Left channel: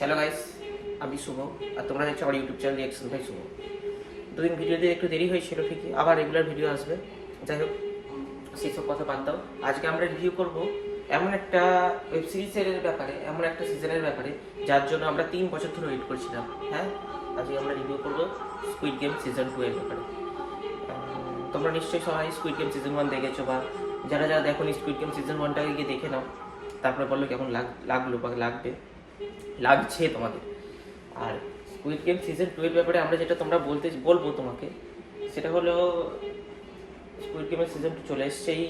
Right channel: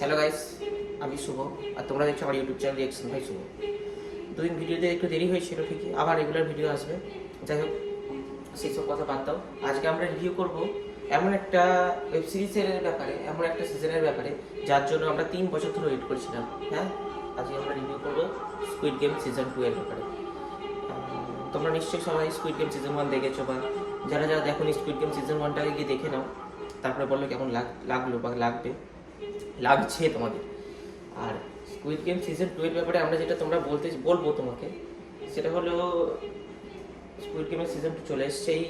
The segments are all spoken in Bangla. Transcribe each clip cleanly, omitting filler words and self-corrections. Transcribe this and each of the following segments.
হ্যালো গাইস, আমি শুভ আর তোমরা দেখছো আমার ইউটিউব চ্যানেল রিঅ্যাকশন ভাই শুভ। দুদিন ভিডিওতে একটু দেরি হয়েছিল ঠিকই, আবার রেগুলার ভিডিও আসবে। যাই হোক, সেই সব কথা বাদ দাও। আজকে আমরা রিভিউ করব এমন একটা ওয়েব সিরিজের ব্যাপারে, এমন একটা সিজনের ব্যাপারে যার জন্য আমরা 3 বছর ধরে ওয়েট করছিলাম। হ্যাঁ, আজকে আমরা রিভিউ করব স্কুইড গেম সিজন 2 এর ব্যাপারে। তোমরা নিশ্চয়ই সবাই স্কুইড গেম সিজন 1 দেখেছো, বা যারা যারা দেখো স্কুইড গেম সিজন 1টাকে গিয়ে দেখে নাও, তারপরে বললো কেমন লাগলো বা লাগছে তোমাদের। আর স্কুইড গেম সিজন 2 এর ব্যাপারে আমরা যেটা বলবো তোমাকে, সেটা হলো স্কুইড গেমের সিজন 2 চলে এসছে এই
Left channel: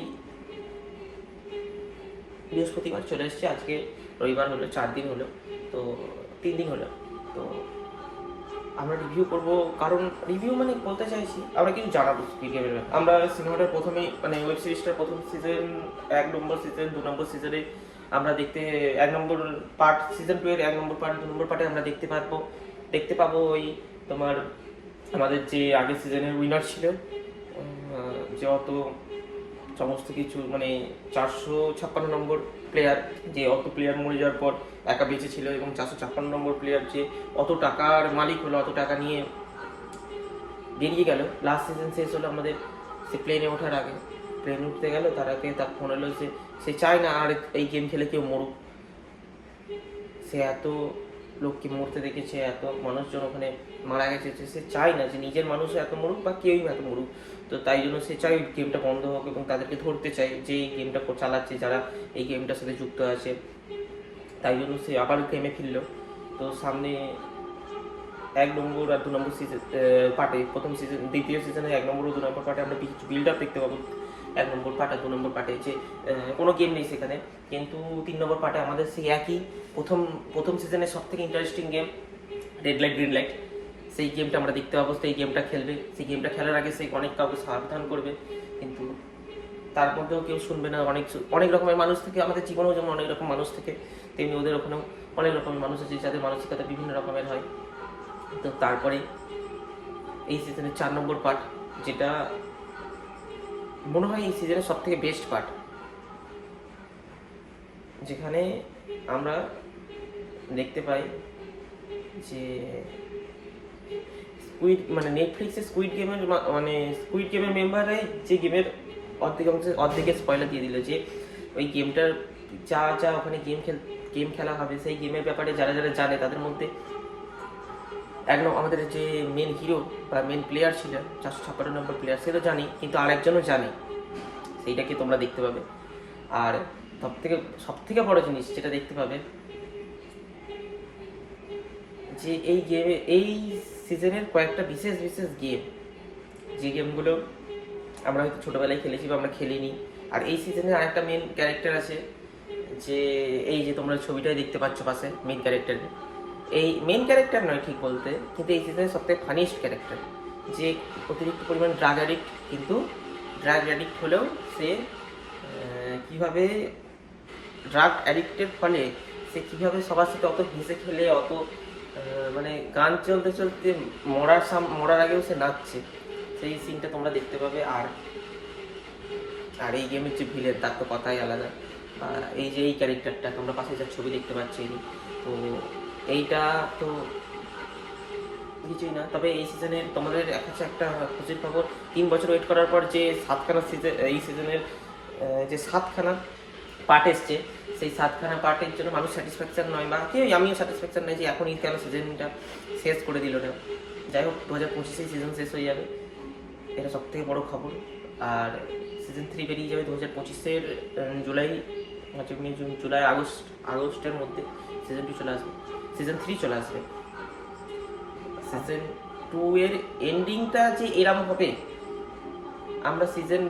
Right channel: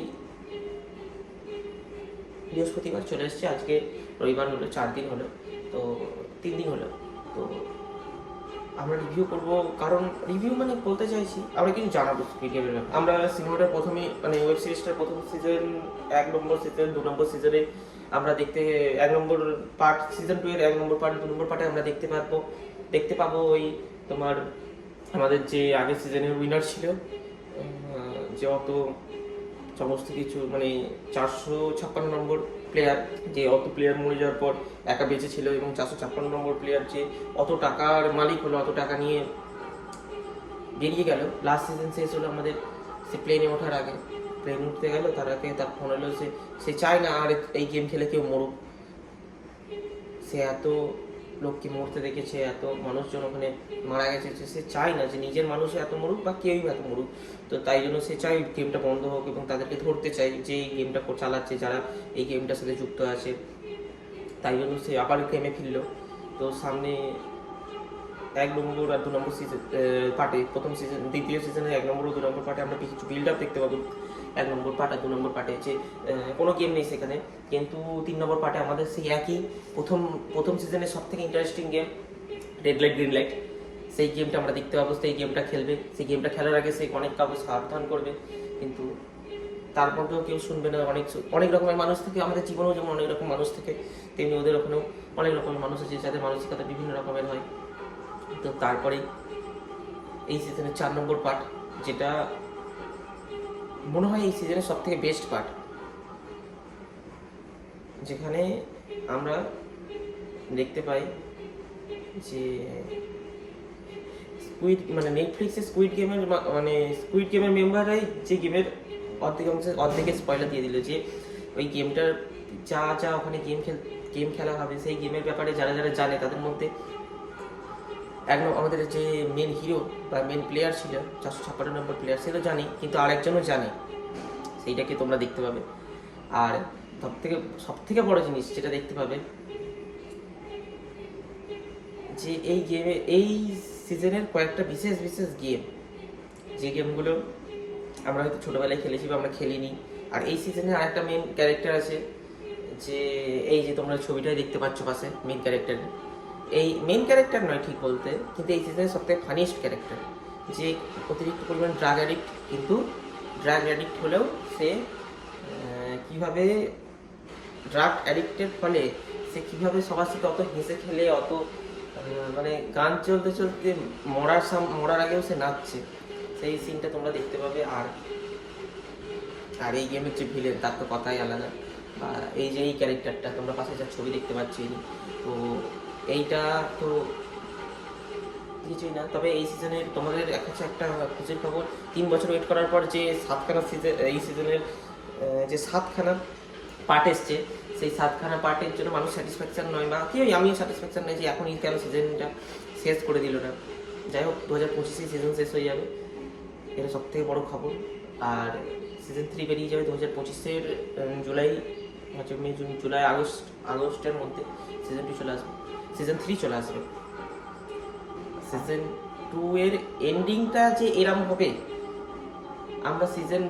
বৃহস্পতিবার চলে এসছে। আজকে রবিবার হলো, 4 দিন হলো, তো 3 দিন হলো। তো আমরা রিভিউ করব, কারণ রিভিউ মানে বলতে চাইছি আমরা কিছু জানাবো স্কুইড গেমের ব্যাপারে। আমরা সিনেমাটার প্রথমেই মানে ওয়েব সিরিজটার প্রথম সিজন 1 নম্বর সিজন 2 নম্বর সিজনে আমরা দেখতে 1 নম্বর পার্ট, সিজন 2 এর 1 নম্বর পার্ট 2 নম্বর পার্টে আমরা দেখতে পাবো ওই তোমার আমাদের যে আগের সিজনের উইনার ছিল, যে অত সমস্ত কিছু মানে 456 নম্বর প্লেয়ার, যে অত প্লেয়ার মরে যাওয়ার পর একা বেঁচে ছিল, এবং 456 নম্বর প্লেয়ার যে অত টাকার মালিক হলো, অত টাকা নিয়ে বেরিয়ে গেল। লাস্ট সিজন শেষ হলো আমাদের, সে প্লেনে ওঠার আগে, প্লেনে উঠতে গেল, তার আগে তার ফোন এলো যে সে চায় না আর এই গেম খেলে কেউ মরুক। সে এত লোককে মরতে দেখেছে, এত মানুষজন ওখানে মারা গেছে, সে চায় না যে নিজের মানুষও এত মরুক বা কেউই এত মরুক। তো তাই জন্য সে চায় গেমটা বন্ধ হোক, এবং তাদেরকে ধরতে চায় যে এই গেমটা চালাচ্ছে, যারা এই গেমটার সাথে যুক্ত আছে। তাই জন্য সে আবার গেমে ফিরল। তো সামনে 1 নম্বর আর 2 নম্বর সিজন পার্টে, প্রথম সিজন দ্বিতীয় সিজনে 1 নম্বর ও 2 নম্বর পার্টে আমরা কিছু বিল্ড আপ দেখতে পাবো। 1 নম্বর পার্ট আর 2 নম্বর পার্টে যে কোনো গেম নেই সেখানে, কিন্তু 3 নম্বর পার্টে আমাদের সেই একই প্রথম সিজনের সব থেকে interesting game red light green light, সেই গেমটা আমরা দেখতে পাবো। সেই গেমটা খেলবে, সেই গেমটা খেলার আগে সে অনেক কাউকে সাবধান করবে, কিন্তু তার মধ্যেও কেউ শুনবে না। অনেক রকমের মানুষ থেকে, আমাদের জীবনেও যেমন অনেক রকম মানুষ থেকে, তেমনি ওদের ওখানেও অনেক রকমের মানুষ আছে যাদের মানসিকতা বিভিন্ন রকমের হয়। তো তারপরে এই সিজনের 4 নম্বর পার্ট, যেটা মনে হয় এই সিজনের সব থেকে বেস্ট পার্ট, যেখানে আমরা দেখতে পাই যে নেটফ্লিক্সে স্কুইড গেমের মেম্বাররাই যে গেমের অর্ধেকের স্পয়লার দিয়ে দিল, যে ওই গেমটার যা ওখানে গেম খেলা হবে, সেই গেমের ব্যাপারে যারা যারা জানে তাদের মধ্যে আমাদের যে মেন হিরো বা মেন প্লেয়ার ছিল 456 নম্বর প্লেয়ার, সে তো জানি, কিন্তু আরেকজনও জানে, সেইটাকে তোমরা দেখতে পাবে। আর সব থেকে বড় জিনিস যেটা দেখতে পাবে, যে এই সিজনের কয়েকটা বিশেষ গেম, যে গেমগুলো আমরা হয়তো ছোটোবেলায় খেলেছি বা আমরা খেলিনি। আর এই সিজনে আরেকটা মেন ক্যারেক্টার আছে, যে এই যে তোমরা ছবিটাই দেখতে পাচ্ছ পাশে মেন ক্যারেক্টারে, এই মেন ক্যারেক্টার নয় ঠিক বলতে, কিন্তু এই সিজনের সবথেকে ফানিয়েস্ট ক্যারেক্টার, যে অতিরিক্ত পরিমাণ ড্রাগ অ্যাডিক্ট, কিন্তু ড্রাগ অ্যাডিক্ট হলেও সে কীভাবে ড্রাগ অ্যাডিক্টের ফলে সে কীভাবে সবার সাথে অত হেসে খেলে, অত মানে গান চলতে চলতে মরার আগেও সে নাচছে, সেই সিনটা তোমরা দেখতে পাবে। আর এই গেমের যে ভিলেন, তার তো কথাই আলাদা। এই যে এই ক্যারেক্টারটা তোমরা পাশে যার ছবি দেখতে পাচ্ছি, তো এইটা তো কিছুই না। তবে এই সিজনের তোমাদের কাছে একটা খুশির খবর, 3 বছর ওয়েট করার পর যে 7খানা সিজন, এই সিজনের যে 7খানা পার্ট এসছে, সেই 7খানা পার্টের জন্য মানুষ স্যাটিসফ্যাকশন নয়, বা আমিও স্যাটিসফ্যাকশন নয় যে এখনই কেন সিজনটা শেষ করে দিল না। যাই হোক, 2025 সিজন শেষ হয়ে যাবে, এটা সব থেকে বড় খবর। আর সিজন 3 বেরিয়ে যাবে 2025-এর জুলাই, মে, জুন, জুলাই, আগস্টের মধ্যে সিজন 2 চলে আসবে, সিজন 3 চলে আসবে। সিজন 2 এর এন্ডিংটা যে এরম হবে, আমরা সিজন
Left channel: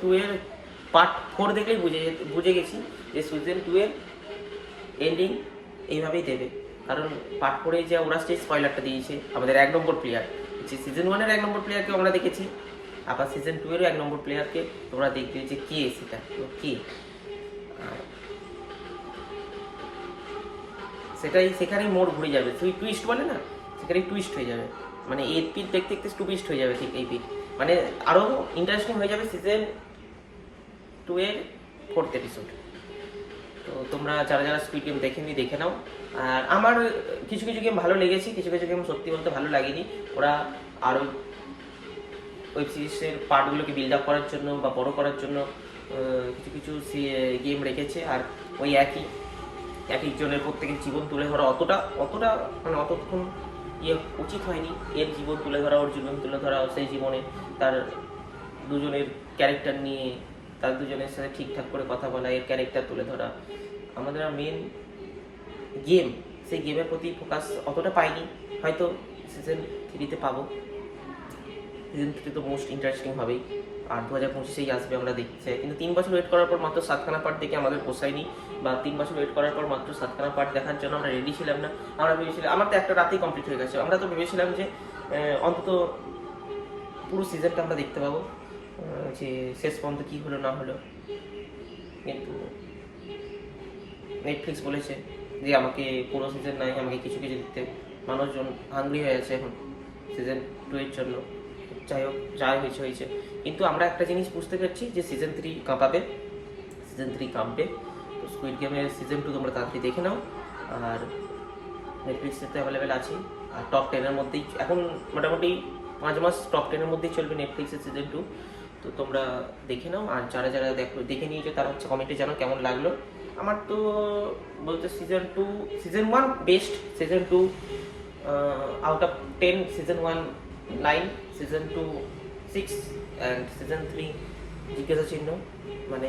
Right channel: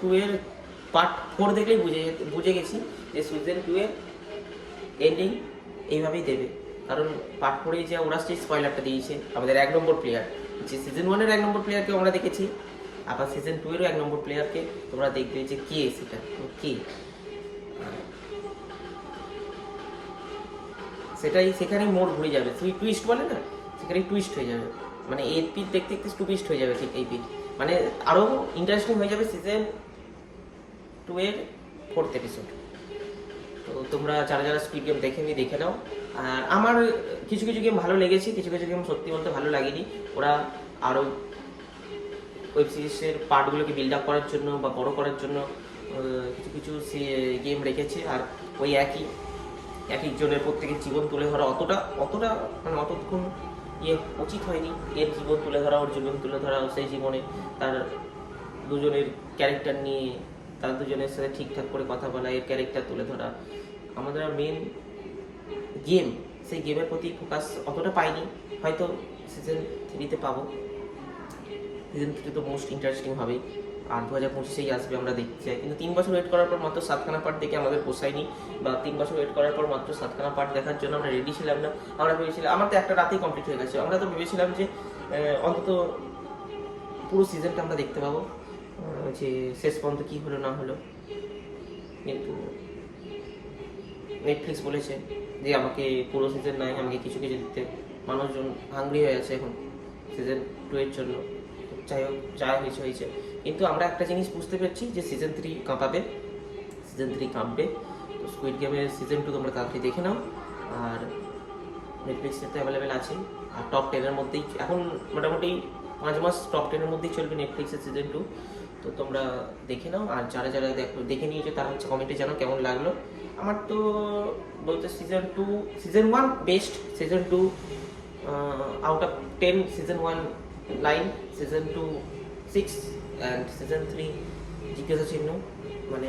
2 এর পার্ট 4 দেখলেই বুঝে গেছি যে সিজন 2 এর এন্ডিং এইভাবেই দেবে। কারণ পার্ট 4-এ যে ওরা যে স্পয়লারটা দিয়েছে আমাদের 1 নম্বর প্লেয়ার, যে সিজন 1-এর 1 নম্বর প্লেয়ারকে আমরা দেখেছি, আবার সিজন 2-এরও 1 নম্বর প্লেয়ারকে তোমরা দেখবে যে কে সেটা, কে সেখানেই মোড় ঘুরে যাবে, তুই টুইস্ট বলে না, সেখানেই টুইস্ট হয়ে যাবে। মানে এই পিঠ দেখতে দেখতে টুইস্ট হয়ে যাবে, ঠিক এই পিঠ মানে আরও ইন্টারেস্টিং হয়ে যাবে সিজন 2 এর 4th এপিসোড। তো তোমরা যারা যারা স্কুইড গেম দেখেনি দেখে নাও। আর আমার কিছু কিছু গেম ভালো লেগেছে, কিছু কিছু গেম সত্যি বলতে ভালো লাগেনি। ওরা আরও ওয়েব সিরিজের পার্টগুলোকে বিল্ড আপ করার জন্য বা বড় করার জন্য কিছু কিছু গেম রেখেছে। আর ওই একই এক একজনের প্রত্যেকের জীবন তুলে ধরা অতটা মানে অতক্ষণ উচিত হয়নি। এর জীবন তুলে ধরা, ওর জীবন তুলে ধরা, সেই জীবনে তার দুজনের ক্যারেক্টার নিয়ে তার দুজনের সাথে ঠিকঠাক করে কথা বলা, এর ক্যারেক্টার তুলে ধরা। আমাদের মেন গেম, সেই গেমের প্রতি ফোকাস অতটা পাইনি, হয়তো সিজন 3-তে পাবো। সিজন 3 তো মোস্ট ইন্টারেস্টিং হবেই, আর 2025-এই আসবে আমরা দেখতে চাই। কিন্তু 3 বছর ওয়েট করার পর মাত্র 7খানা পার্ট দেখে আমাদের পোষায়নি, বা 3 বছর ওয়েট করার পর মাত্র 7খানা পার্ট দেখার জন্য আমরা রেডি ছিলাম না। আমরা ভেবেছিলাম, আমার তো একটা রাতেই কমপ্লিট হয়ে গেছে, আমরা তো ভেবেছিলাম যে অন্তত পুরো সিজনটা আমরা দেখতে পাবো, যে শেষ পর্যন্ত কী হলো না হলো। কিন্তু নেটফ্লিক্স বলেছে যে আমাকে পুরো সিজন নয়, আমাকে কিছু কিছু দিতে। মানুষজন হাংরি হয়ে আছে এখন সিজন 2 এর জন্য। তো যাই হোক, যাই হয়েছে। কিন্তু আমরা একটা জিনিস বুঝতে পারছি যে সিজন 3 কাঁপাবে, সিজন 3 কাঁপবে। তো স্কুইড গেমের সিজন 2 তোমরা তাড়াতাড়ি দেখে নাও। আর নেটফ্লিক্সে তো অ্যাভেলেবেল আছে। আর টপ 10-এর মধ্যেই এখন মোটামুটি 5 মাস টপ 10-এর মধ্যেই চলবে নেটফ্লিক্সের সিজন 2। তো তোমরা দেখে নাও। আর যারা যারা দেখে নিয়েছো তারা হচ্ছে কমেন্টে জানাও কেমন লাগলো। আমার তো বলতে season 1 best, season 2 out of 10, season 1 9, season 2 6, and season 3 জিজ্ঞাসা চিহ্ন, মানে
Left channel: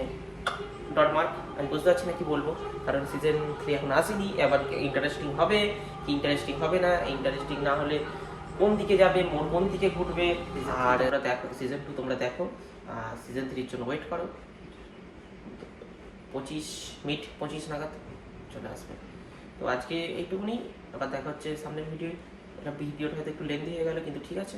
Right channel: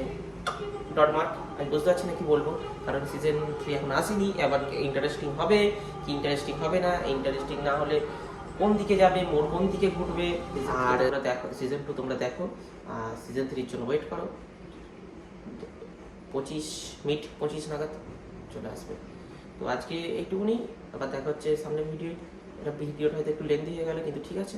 ডট মার্ক। আমি বুঝতে পারছি না কি বলবো, কারণ সিজন 3 এখন আসেনি। এবার ইন্টারেস্টিং হবে কি ইন্টারেস্টিং হবে না, ইন্টারেস্টিং না হলে কোন দিকে যাবে, মোড় কোন দিকে ঘুরবে। আর ওরা দেখো সিজন 2 তোমরা দেখো, সিজন 3-র জন্য ওয়েট করো। 25 নাগাদ চলে আসবে। তো আজকে এইটুকুনি, আবার দেখা হচ্ছে সামনের ভিডিওটা হয়তো একটু লেন্দি হয়ে গেল, কিন্তু ঠিক আছে।